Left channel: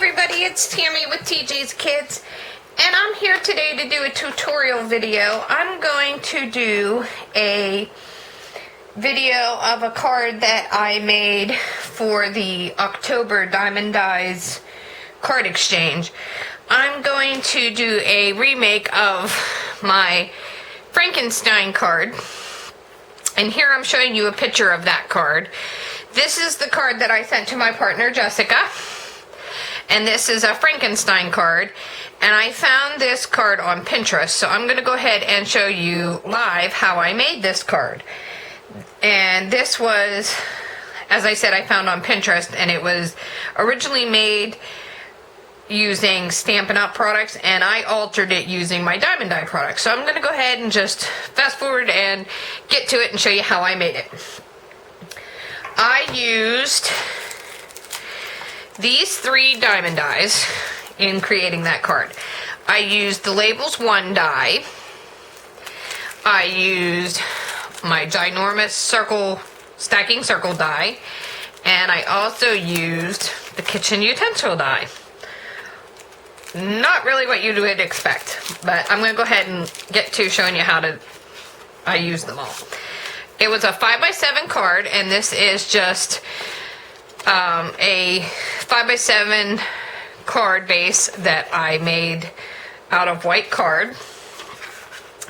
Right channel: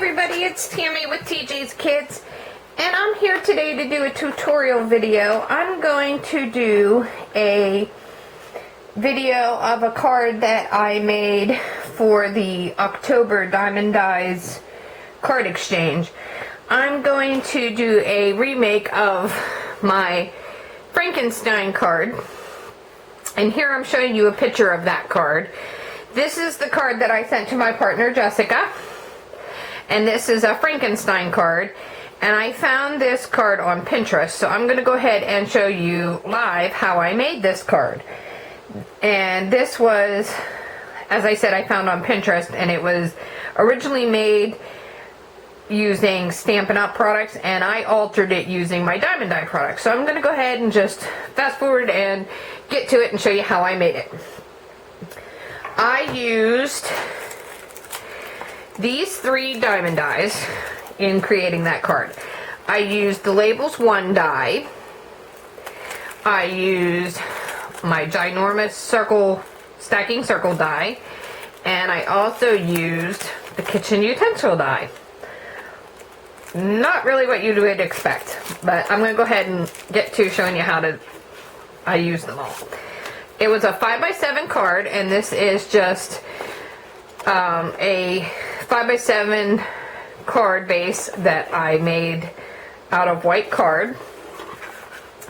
everybody, it's Tammy with TJ's Kids, and I'm here today to do a tutorial video. I'm going to do a video of a card that I made for the October Diamond Dies card exchange. I'm going to do a remake of my Frankenstein card, and here I'm showing you a picture of that card. This is the card that I sent to my partner Jessica, and this is a Frankenstein card, and I found this card on Pinterest, so I'm going to go ahead and show you live how I made this card. And this was, as I said, I found on Pinterest, and it was originally made using Stampin' Up! Products, and I altered it using my Diamond Die products. So I'm going to go ahead and just fast forward and get to it and show you how I made it. I used these 3 diamond dies in creating that card. I used the Labels 1 die. I used my ginormous stacking circle die, and I also used the kitchen utensil die. Not really what you would expect, but I'm going to go ahead and get to showing you how I use them all. It was a 5x7 card, and this is just a 5x7 card base that I made out of white card.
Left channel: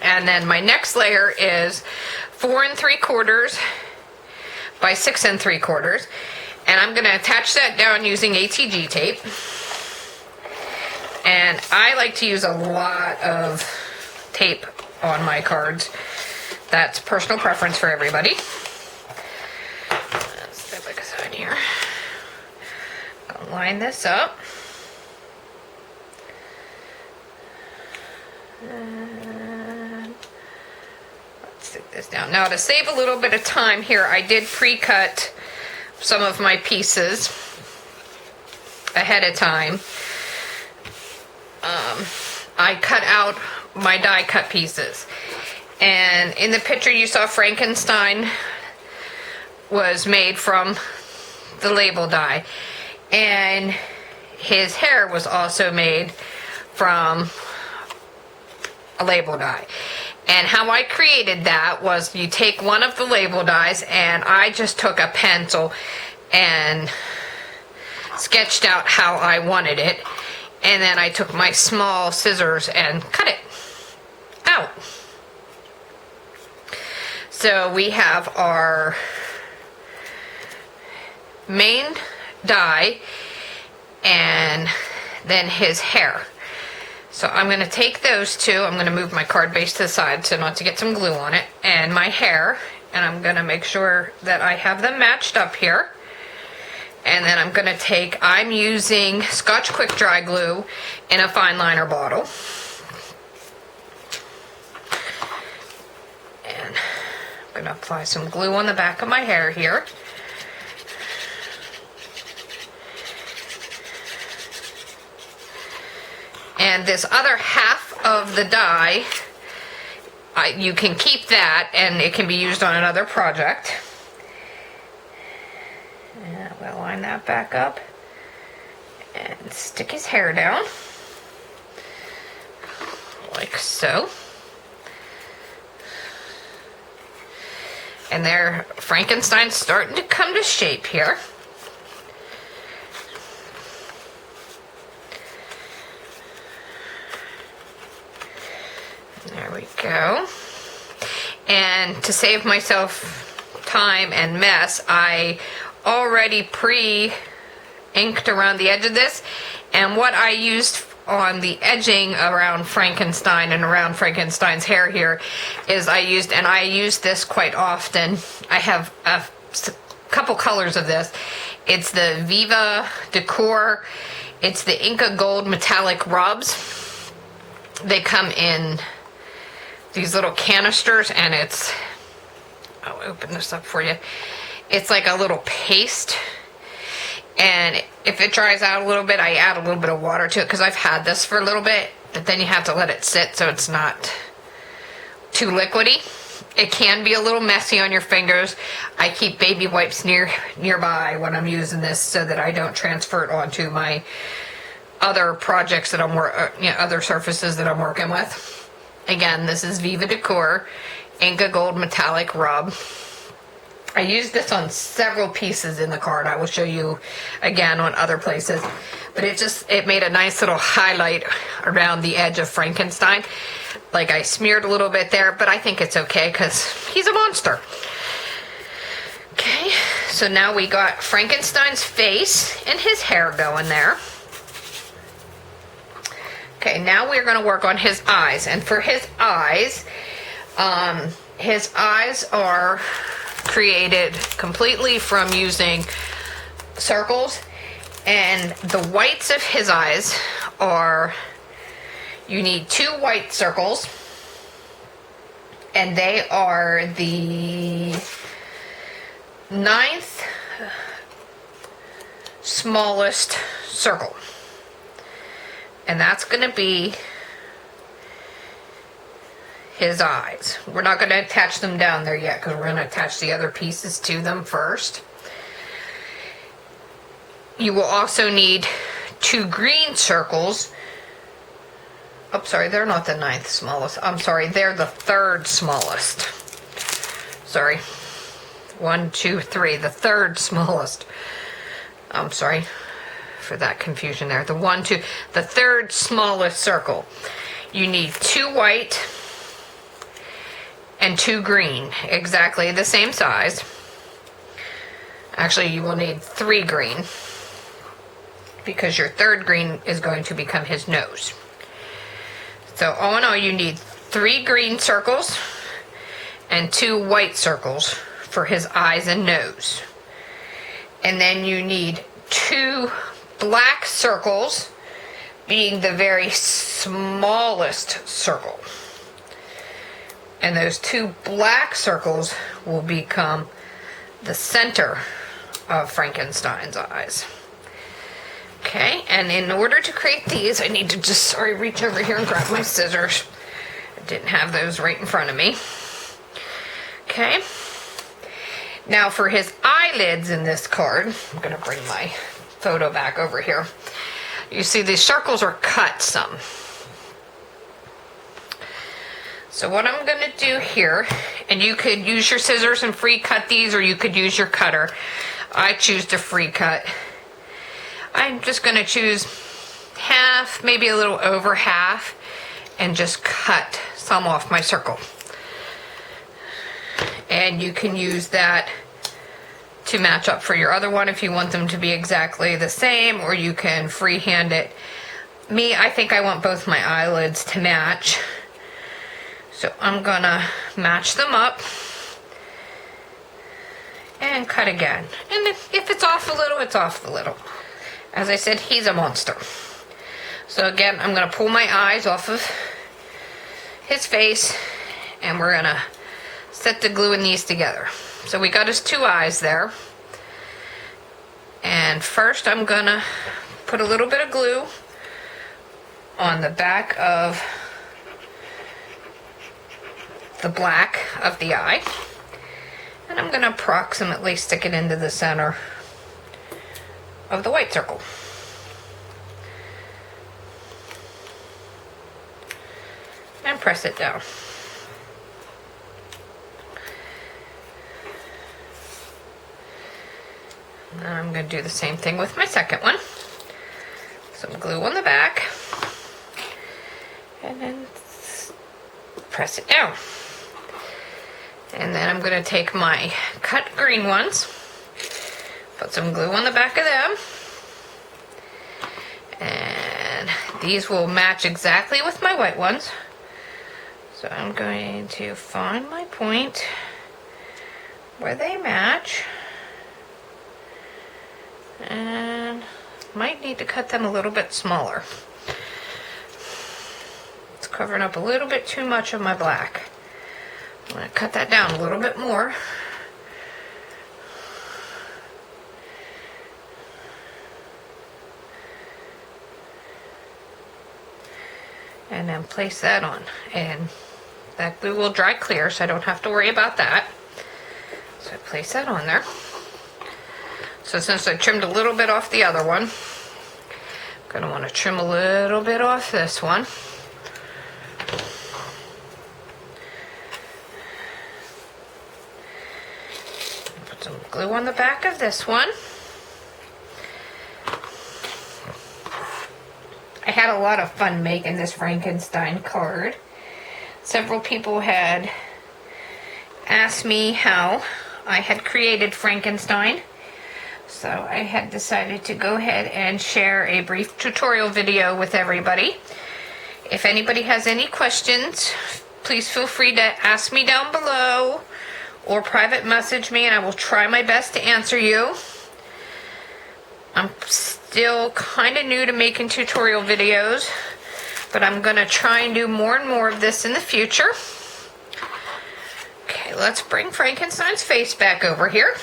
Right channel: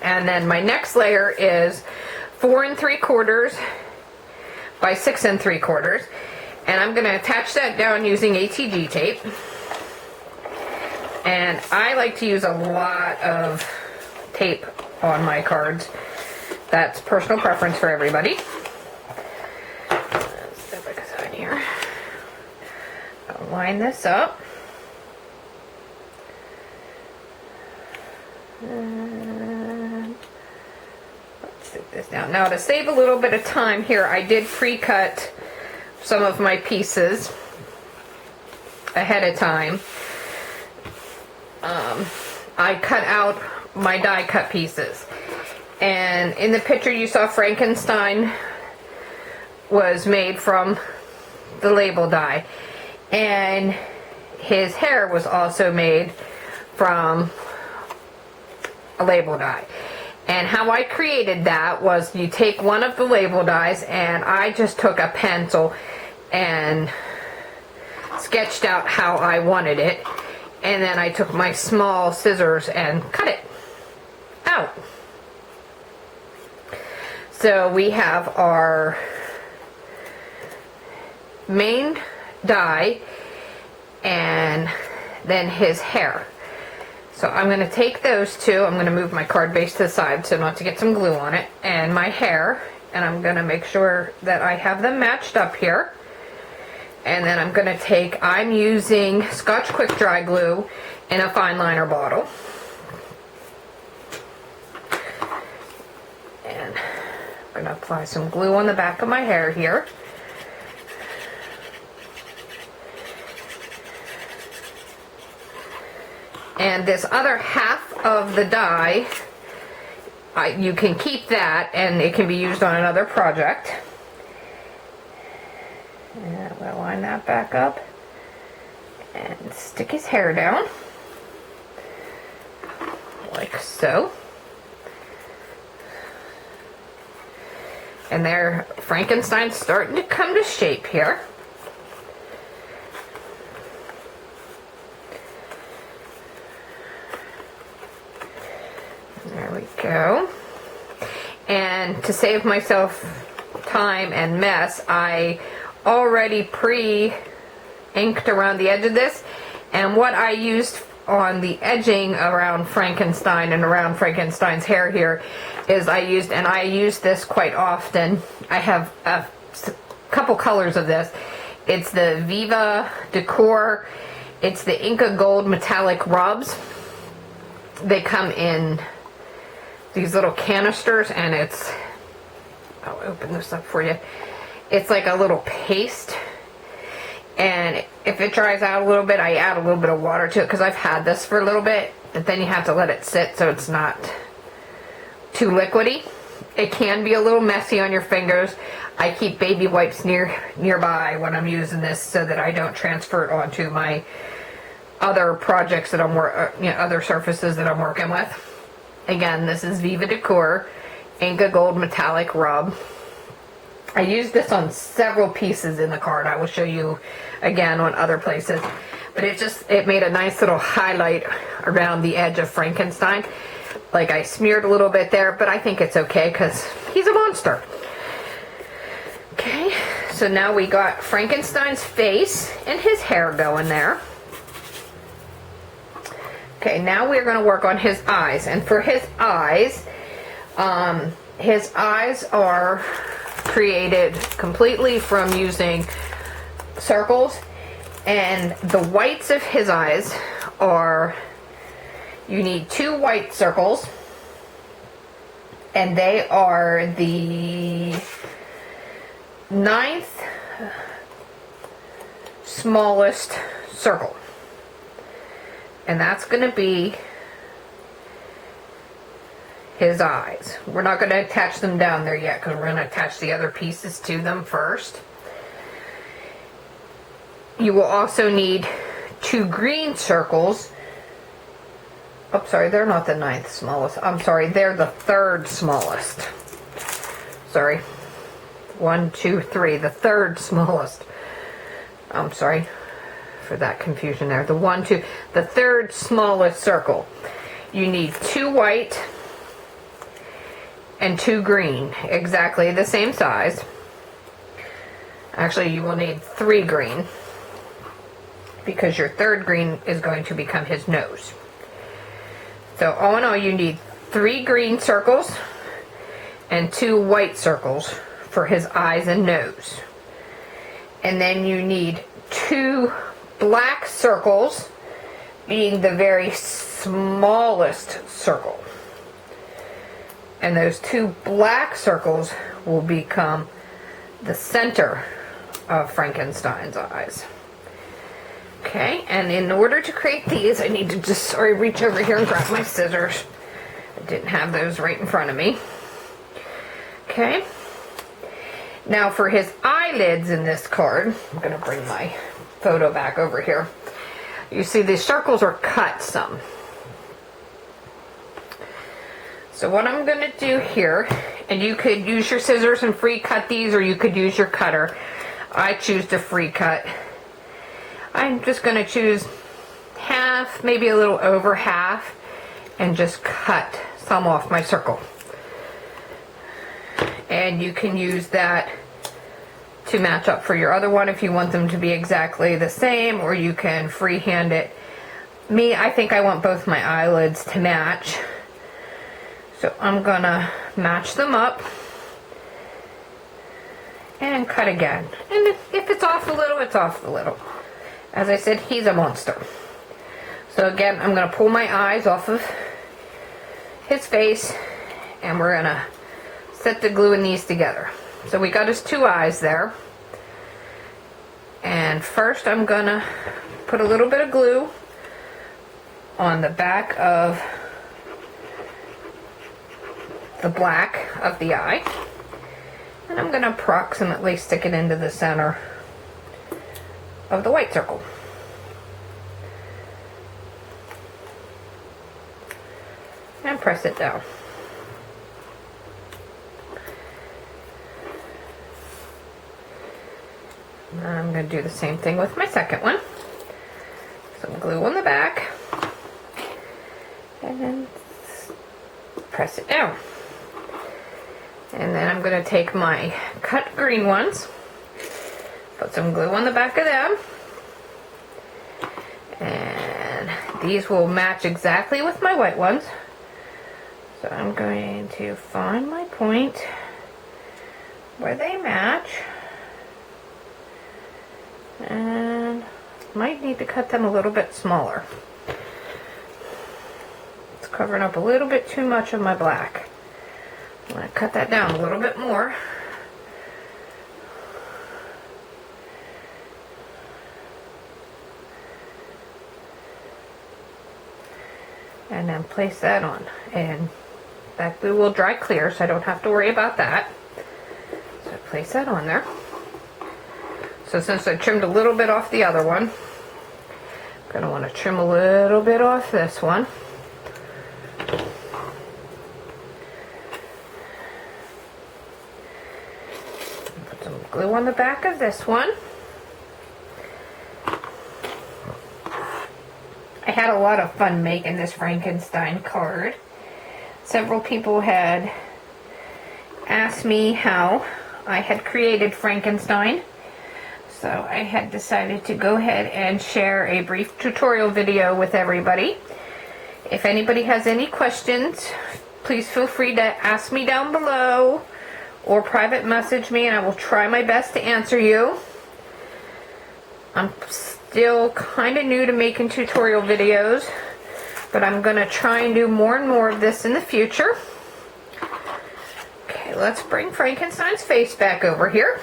And then my next layer is 4 3/4 by 6 3/4, and I'm going to attach that down using ATG tape. And I like to use a lot of tape on my cards. That's personal preference for everybody. Let's step back aside here. I'll line this up. And let's sit this down. Now, to save a little bit of time here, I did pre-cut some of my pieces ahead of time. I cut out my die cut pieces, and in the picture you saw Frankenstein was made from the label die, and his hair was also made from a label die. And how I created that was, you take one of the label dies, and I just took a pencil and sketched out how I wanted it. And then I took my small scissors and cut it out. So we have our main die and then his hair. So I'm going to take those two. I'm going to move my card base to the side so not to get some glue on it. And my hair. And I'm going to make sure that I have them matched up here. And then I'm going to take, I'm using Scotch Quick Dry Glue in a fine liner bottle. And I'm going to apply some glue on the back of my hair here. And this other half of the die, you can keep that, and it can be used on another project. And we'll line that back up and stick his hair down like so. And there, Frankenstein's starting to come to shape here. There we go. And to save myself time and mess, I already pre-inked around the edge of this, and what I used on the edging around Frankenstein and around Frankenstein's hair here is I used this quite often. I have a couple colors of this. It's the Viva Decor. It's the Inca Gold Metallic Rubs. They come in these little canisters, and I'll open this up for you. It's like a little paste, and if it dries out a little bit, I add a little bit of water to it because I've had this for a little bit, but then you have to let it sit so it's not too liquidy. It can be a little messy on your fingers. I keep baby wipes nearby when I'm using this so that I don't transfer it onto my other projects that other surfaces that I'm working with. Again, this is Viva Decor Inca Gold Metallic Rub. I used this on several pieces in the card. I will show you again on other places. But it made a nice little highlight around the edge of Frankenstein. Like I smeared a little bit there, but I think it's okay because he's a monster. Okay, so now we got Frankenstein's face and his hair going there. Okay, now we're going to work on his eyes. And for his eyes are created completely from using circles, and the whites of his eyes are, you need 2 white circles, and they are the 9th smallest circle, and that's going to be his eyes. We're not going to attach them down there yet because we're going to attach the other pieces to them first. You will also need 2 green circles. Oh, sorry, they're not the 9th smallest. I'm sorry, they're the 3rd smallest. Sorry. 1, 2, 3, the 3rd smallest. I'm sorry for that confusion there. The 3rd smallest circle. You need 2 white and 2 green, exactly the same size. Actually, you will need 3 green because your 3rd green is going to become his nose. So all in all, you need 3 green circles and 2 white circles for his eyes and nose. And then you need 2 black circles, being the very smallest circle. And those 2 black circles will become the center of Frankenstein's eyes. Okay, and in order to create these, I need to just, reach over here and grab my scissors. I didn't have those right in front of me. Okay, now for his eyelids in this card, I'm going to bring my photo back over here. You see these circles are cut some. So what I'm going to do here, and you could use your scissors and free cut these, or you could use your cutter. I choose to free cut. I'm just going to choose half, maybe a little over half, and just cut some off my circle. And you can use that to match up for your other one if you want them to be exactly the same, or you can freehand it. I think I want both my eyelids to match. So I'm gonna match them up and cut again. And if it's off a little, it's off a little. As I said, he's a monster. So again, I'm gonna pull my eyes off of his face, and we're gonna set the glue in these together. So we got his 2 eyes there. And first I'm gonna put a little bit of glue on the back of the black of the eye, and I'm going to approximately stick it into the center of the white circle. And press it down. And then I'm going to do the same thing with my second one. Some glue on the back, and then press it down. And then I'm going to take my cut green ones, put some glue on the back of them, and these will match exactly with my white ones. So I'm going to find my point where they match, and might need to cut them a little bit smaller. It's covering up a little bit too much of my black. I'm going to cut that down a little bit more. And then place that on. And that glue will dry clear, so I don't have to worry about that. So place that on there. So since I trimmed a little bit off the other one, I'm Gonna want to trim a little bit off this one. Put some glue on the back of this one. I had a lot of fun making this Frankenstein card. Several people had asked me how I had created Frankenstein. So I had decided to go ahead and share a brief tutorial video with everybody. If anybody has any questions, please feel free to ask me down below or private message me, and I will try my best to answer you. I'm still kind of new to making tutorial videos, but I'm going to try and do more and more of this in the future. Okay, let's bring Frankenstein's face back over here.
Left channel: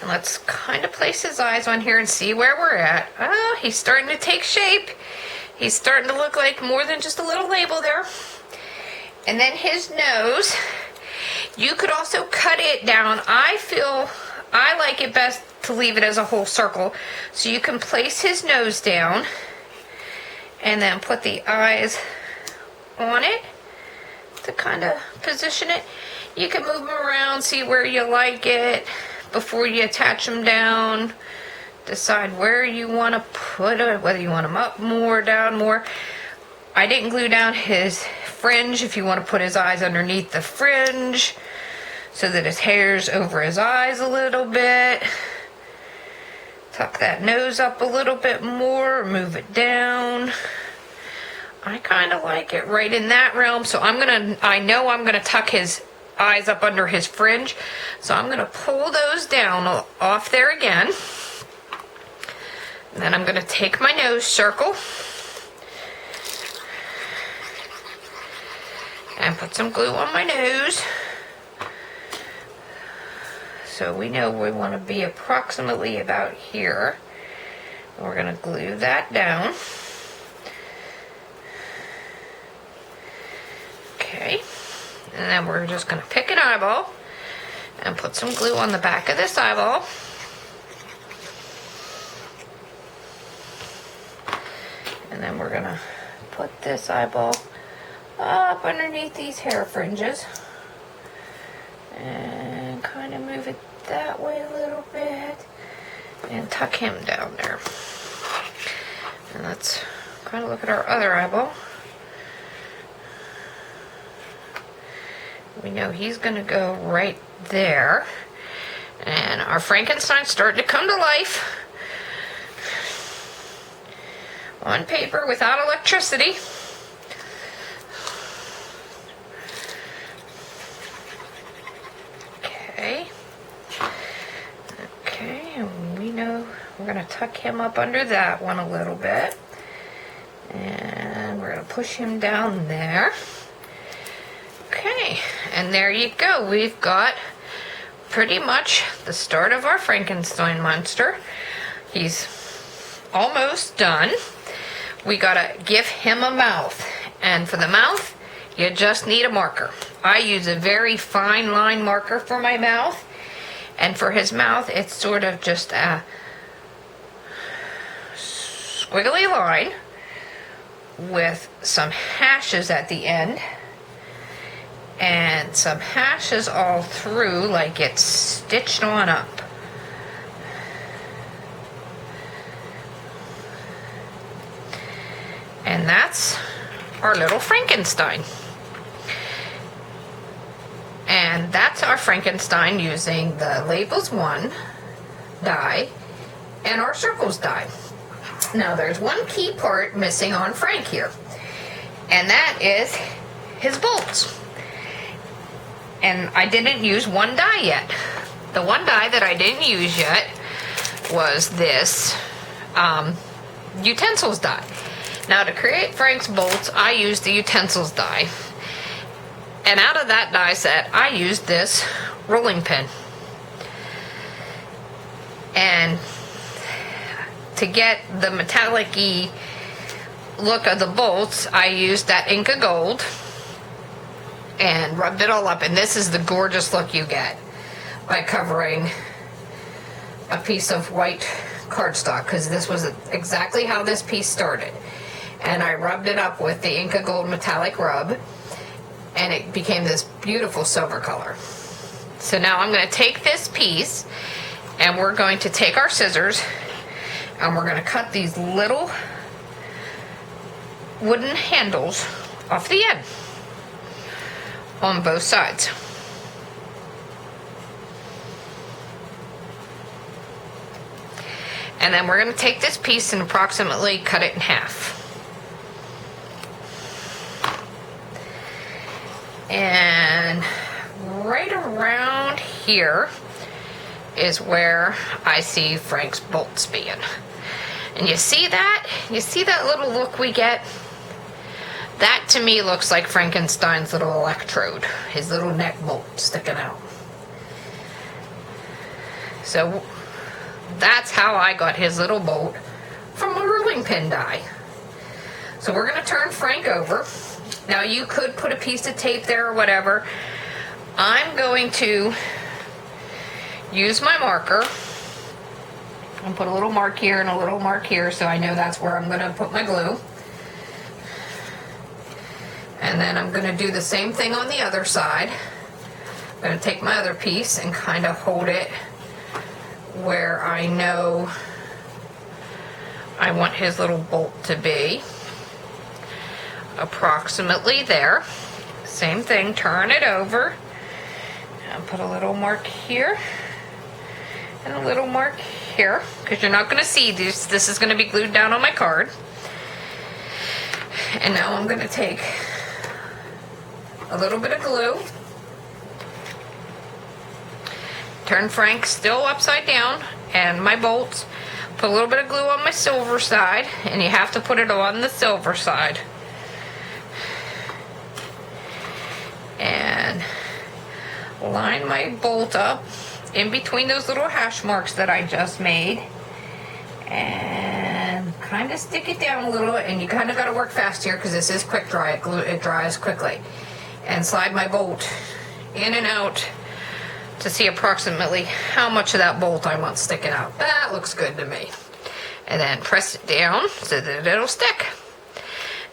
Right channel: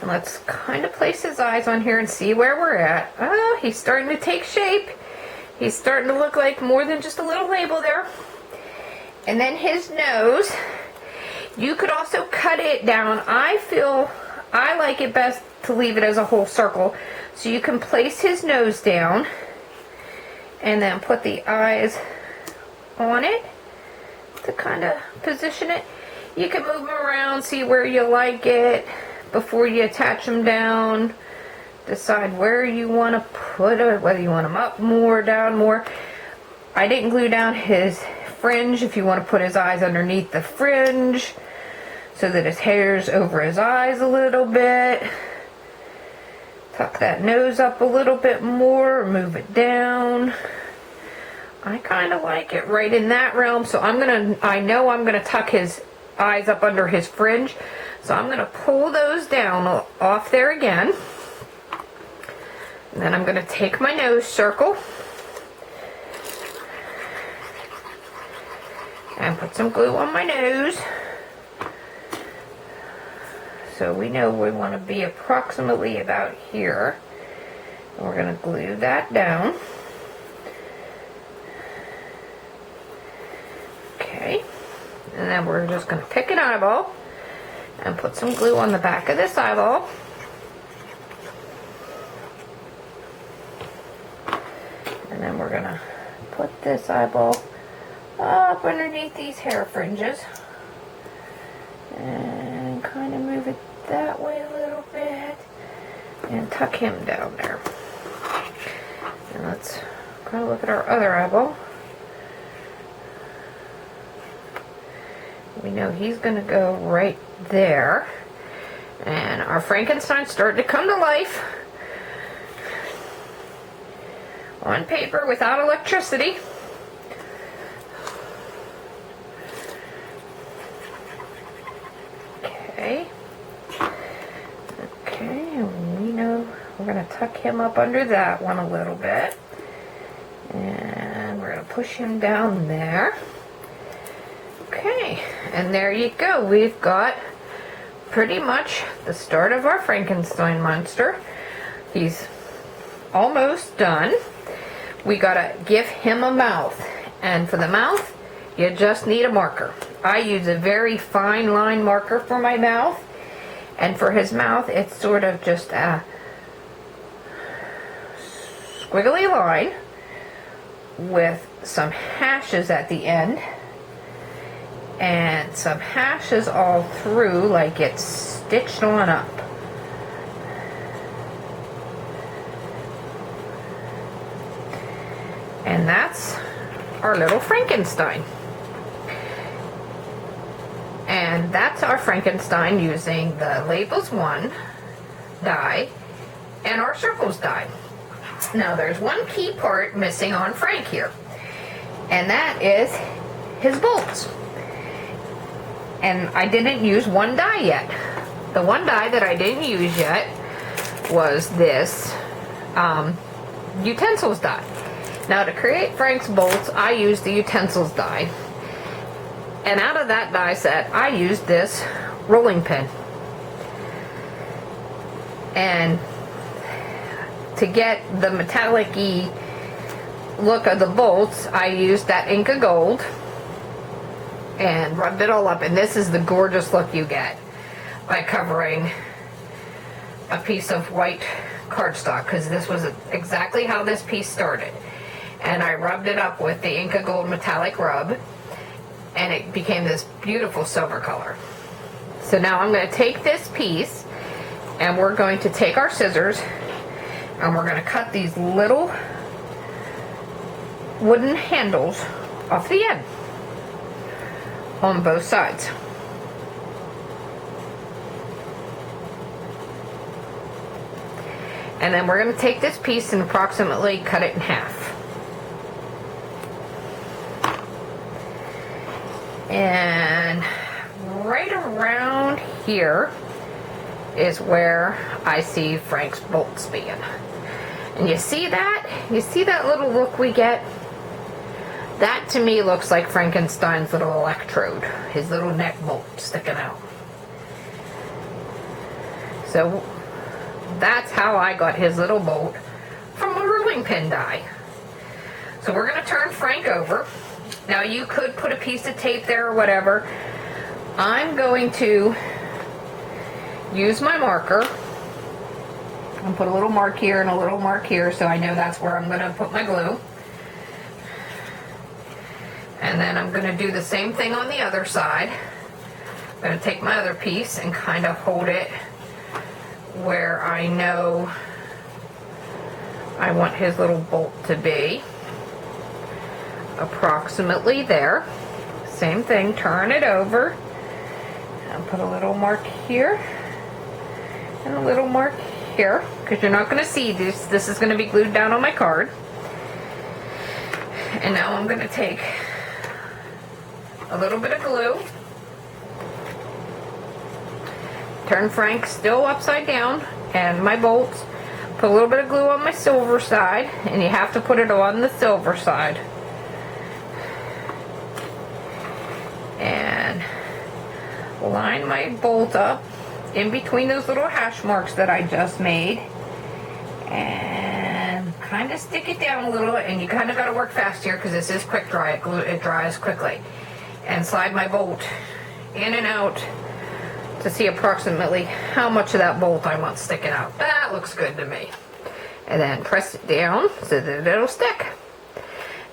And let's kind of place his eyes on here and see where we're at. Oh, he's starting to take shape. He's starting to look like more than just a little label there. And then his nose, you could also cut it down. I like it best to leave it as a whole circle. So you can place his nose down and then put the eyes on it to kind of position it. You can move them around, see where you like it before you attach them down. Decide where you want to put it, whether you want them up more, down more. I didn't glue down his fringe. If you want to put his eyes underneath the fringe so that his hair's over his eyes a little bit. Tuck that nose up a little bit more, move it down. I kind of like it right in that realm, so I know I'm gonna tuck his eyes up under his fringe, so I'm gonna pull those down off there again. And then I'm gonna take my nose circle and put some glue on my nose. So we know we want to be approximately about here. We're going to glue that down. Okay. And then we're just going to pick an eyeball and put some glue on the back of this eyeball. And then we're going to put this eyeball up underneath these hair fringes. And kind of move it that way a little bit and tuck him down there. And let's kind of look at our other eyeball. We know he's going to go right there. And our Frankenstein's starting to come to life on paper without electricity. Okay, and we know we're going to tuck him up under that one a little bit. And we're going to push him down there. Okay, and there you go. We've got pretty much the start of our Frankenstein monster. He's almost done. We got to give him a mouth. And for the mouth, you just need a marker. I use a very fine line marker for my mouth. And for his mouth, it's sort of just a squiggly line with some hashes at the end. And some hashes all through, like it's stitched on up. And that's our little Frankenstein. And that's our Frankenstein using the Labels 1 die and our Circles die. Now there's one key part missing on Frank here, and that is his bolts. And I didn't use one die yet. The one die that I didn't use yet was this utensils die. Now to create Frank's bolts, I used the utensils die. And out of that die set, I used this rolling pin. And to get the metallic-y look of the bolts, I used that Inca Gold and rubbed it all up. And this is the gorgeous look you get by covering a piece of white cardstock, because this was exactly how this piece started. And I rubbed it up with the Inca Gold Metallic Rub, and it became this beautiful silver color. So now I'm going to take this piece, and we're going to take our scissors, and we're going to cut these little wooden handles off the end on both sides. And then we're going to take this piece and approximately cut it in half. And right around here is where I see Frank's bolts being. And you see that? You see that little look we get? That to me looks like Frankenstein's little electrode, his little neck bolt sticking out. So that's how I got his little bolt from a rolling pin die. So we're going to turn Frank over. Now you could put a piece of tape there or whatever. I'm going to use my marker and put a little mark here and a little mark here so I know that's where I'm going to put my glue. And then I'm going to do the same thing on the other side. I'm going to take my other piece and kind of hold it where I know I want his little bolt to be. Approximately there. Same thing, turn it over and put a little mark here and a little mark here, because you're not going to see this. This is going to be glued down on my card. And now I'm going to take a little bit of glue, turn Frank still upside down, and my bolts, put a little bit of glue on my silver side, and you have to put it on the silver side. And line my bolt up in between those little hash marks that I just made, and kind of stick it down a little, and you kind of got to work fast here because this is quick dry, it dries quickly, and slide my bolt in and out to see approximately how much of that bolt I want sticking out. That looks good to me. And then press it down so that it'll stick.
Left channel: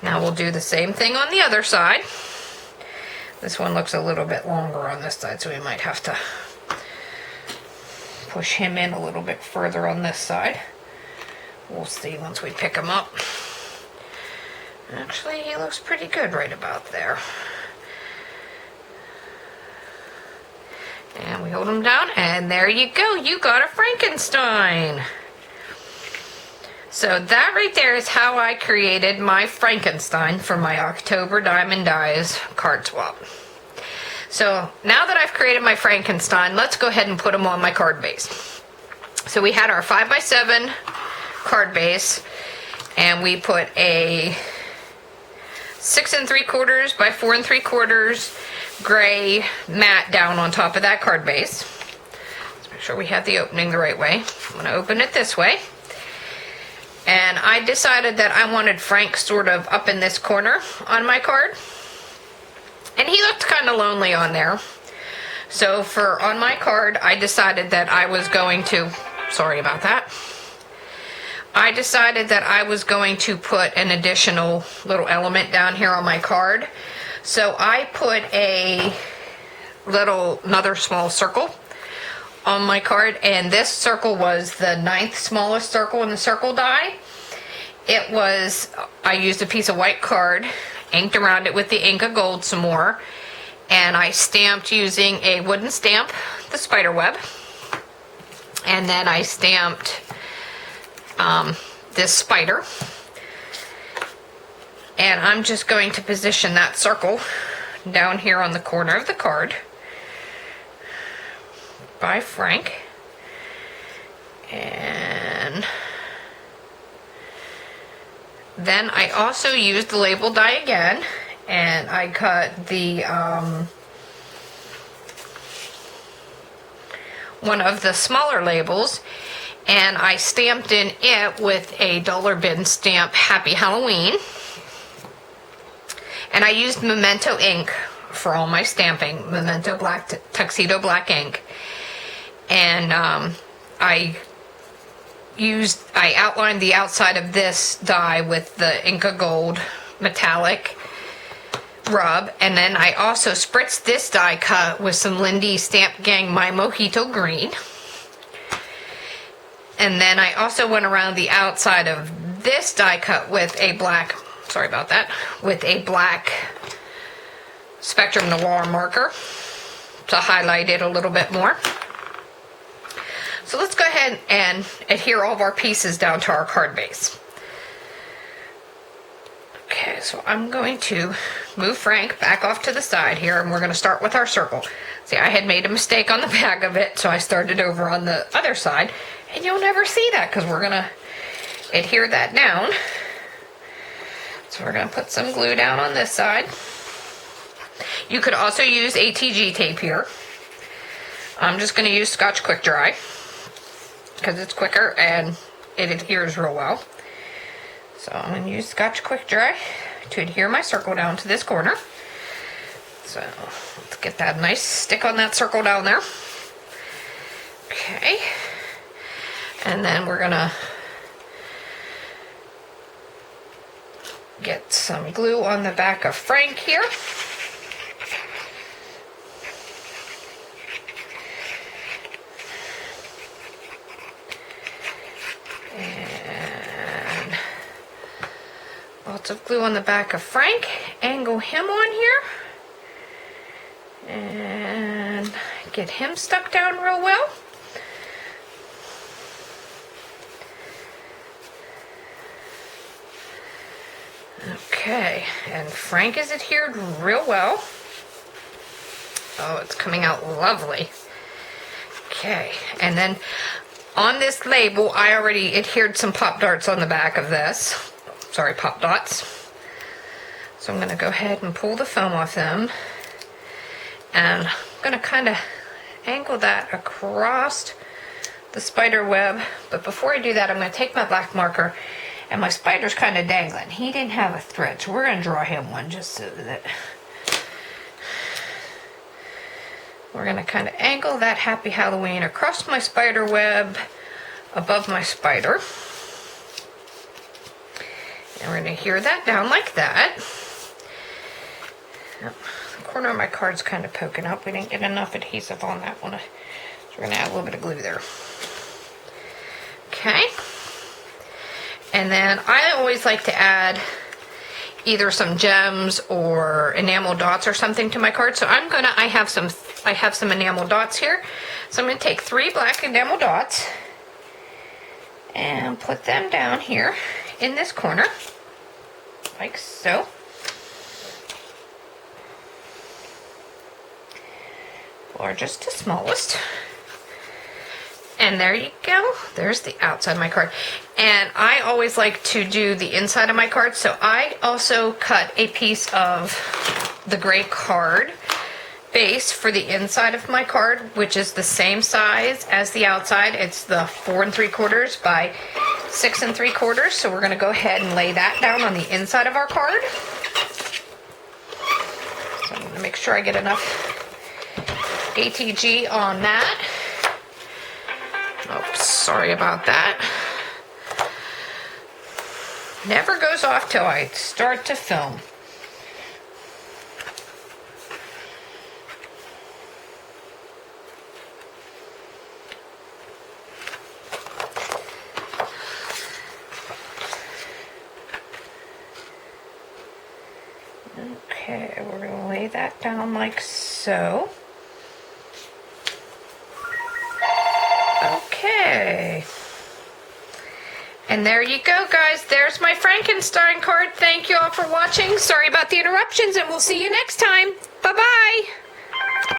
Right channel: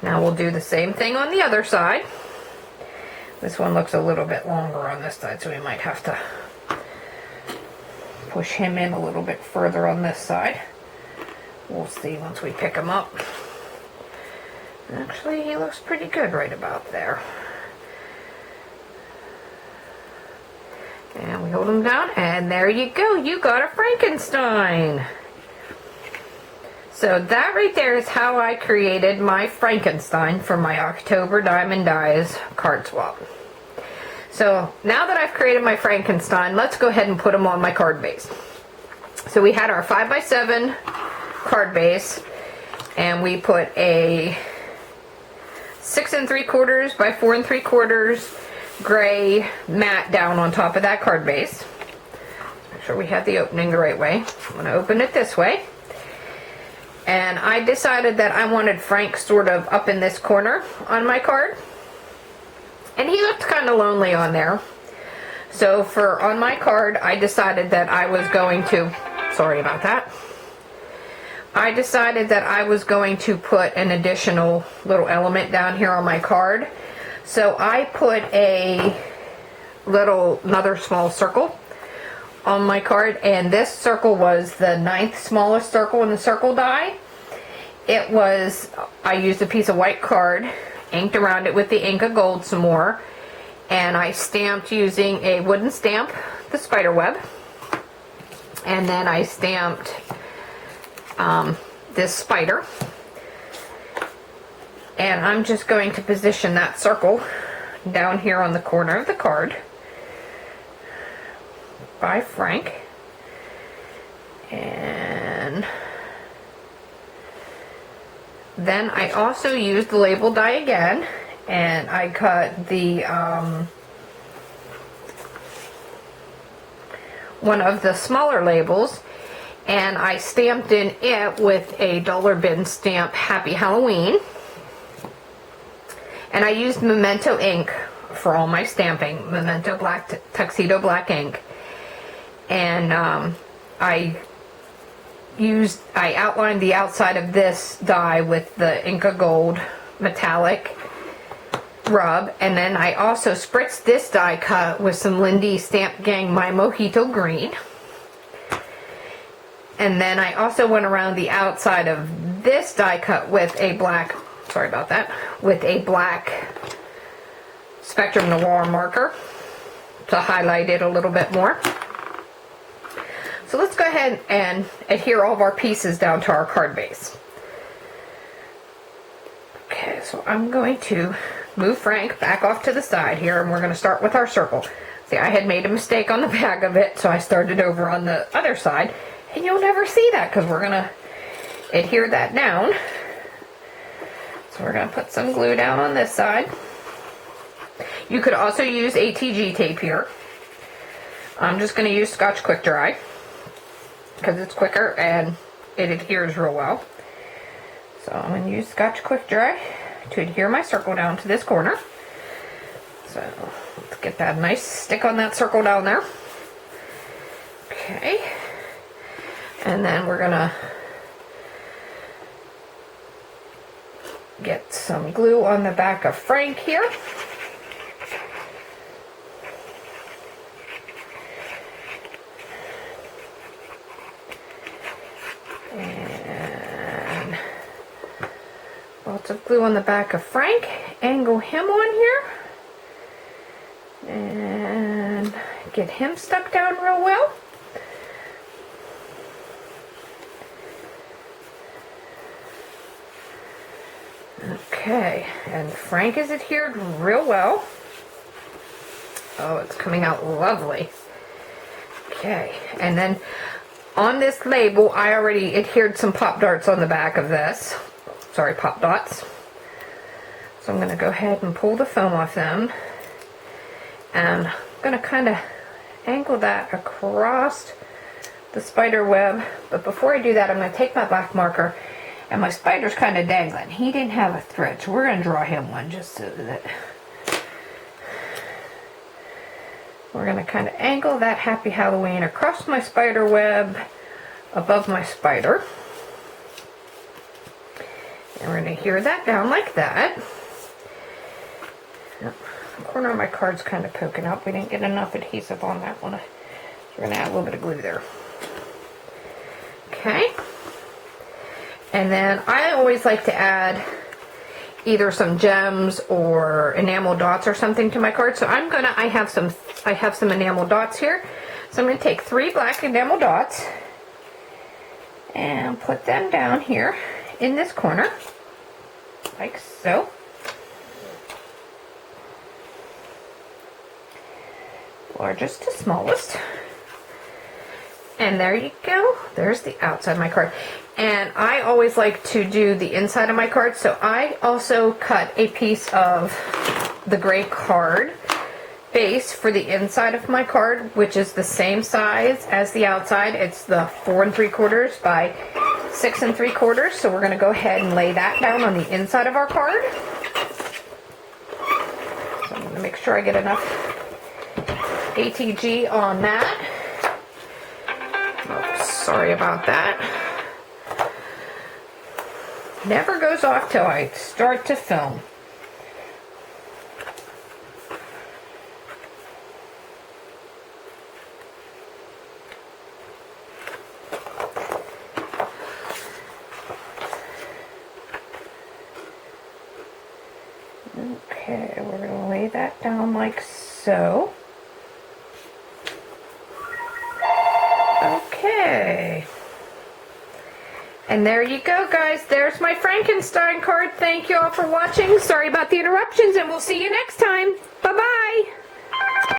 Now we'll do the same thing on the other side. This one looks a little bit longer on this side, so we might have to push him in a little bit further on this side. We'll see once we pick him up. Actually, he looks pretty good right about there. And we hold him down, and there you go. You got a Frankenstein. So that right there is how I created my Frankenstein for my October Diamond Dies card swap. So now that I've created my Frankenstein, let's go ahead and put them on my card base. So we had our 5x7 card base, and we put a 6 3/4 by 4 3/4 gray mat down on top of that card base. Let's make sure we have the opening the right way. I'm going to open it this way. And I decided that I wanted Frank sort of up in this corner on my card. And he looked kind of lonely on there. So on my card, I decided that I was going to, sorry about that. I decided that I was going to put an additional little element down here on my card. So I put another small circle on my card, and this circle was the 9th smallest circle in the circle die. I used a piece of white card, inked around it with the Inca Gold some more, and I stamped using a wooden stamp, the spider web, and then I stamped this spider. And I'm just going to position that circle down here on the corner of the card by Frank. And then I also used the label die again, and I cut the one of the smaller labels, and I stamped in it with a dollar bin stamp Happy Halloween. And I used Memento ink for all my stamping, Memento black, tuxedo black ink. And I I outlined the outside of this die with the Inca Gold metallic rub, and then I also spritzed this die cut with some Lindy Stamp Gang My Mojito Green. And then I also went around the outside of this die cut with a black, sorry about that, with a black Spectrum Noir marker to highlight it a little bit more. So let's go ahead and adhere all of our pieces down to our card base. Okay, so I'm going to move Frank back off to the side here, and we're going to start with our circle. See, I had made a mistake on the back of it, so I started over on the other side, and you'll never see that because we're going to adhere that down. So we're going to put some glue down on this side. You could also use ATG tape here. I'm just going to use Scotch Quick Dry because it's quicker and it adheres real well. So I'm going to use Scotch Quick Dry to adhere my circle down to this corner. So let's get that nice stick on that circle down there. Okay. And then we're going to get some glue on the back of Frank here. And lots of glue on the back of Frank. Angle him on here. And get him stuck down real well. Okay, and Frank is adhered real well. Oh, it's coming out lovely. Okay, and then on this label, I already adhered some pop darts on the back of this. Sorry, pop dots. So I'm going to go ahead and pull the foam off them. And I'm going to kind of angle that across the spider web. But before I do that, I'm going to take my black marker, and my spider's kind of dangling. He didn't have a thread, so we're going to draw him one just so that we're going to kind of angle that Happy Halloween across my spider web, above my spider. And we're going to adhere that down like that. Yep. The corner of my card's kind of poking up. We didn't get enough adhesive on that one, so we're going to add a little bit of glue there. Okay. And then I always like to add either some gems or enamel dots or something to my card. So I have some enamel dots here. So I'm going to take 3 black enamel dots and put them down here in this corner, like so. Largest to smallest. And there you go. There's the outside of my card. And I always like to do the inside of my card, so I also cut a piece of the gray card base for the inside of my card, which is the same size as the outside. It's the 4 3/4 by 6 3/4. So we're going to go ahead and lay that down on the inside of our card. So I'm going to make sure I get enough ATG on that. Oops, sorry about that. Never goes off till I start to film. Okay, we're going to lay that down like so. Okay. And there you go, guys. There's my Frankenstein card. Thank you all for watching. Sorry about the interruptions, and we'll see you next time. Bye-bye.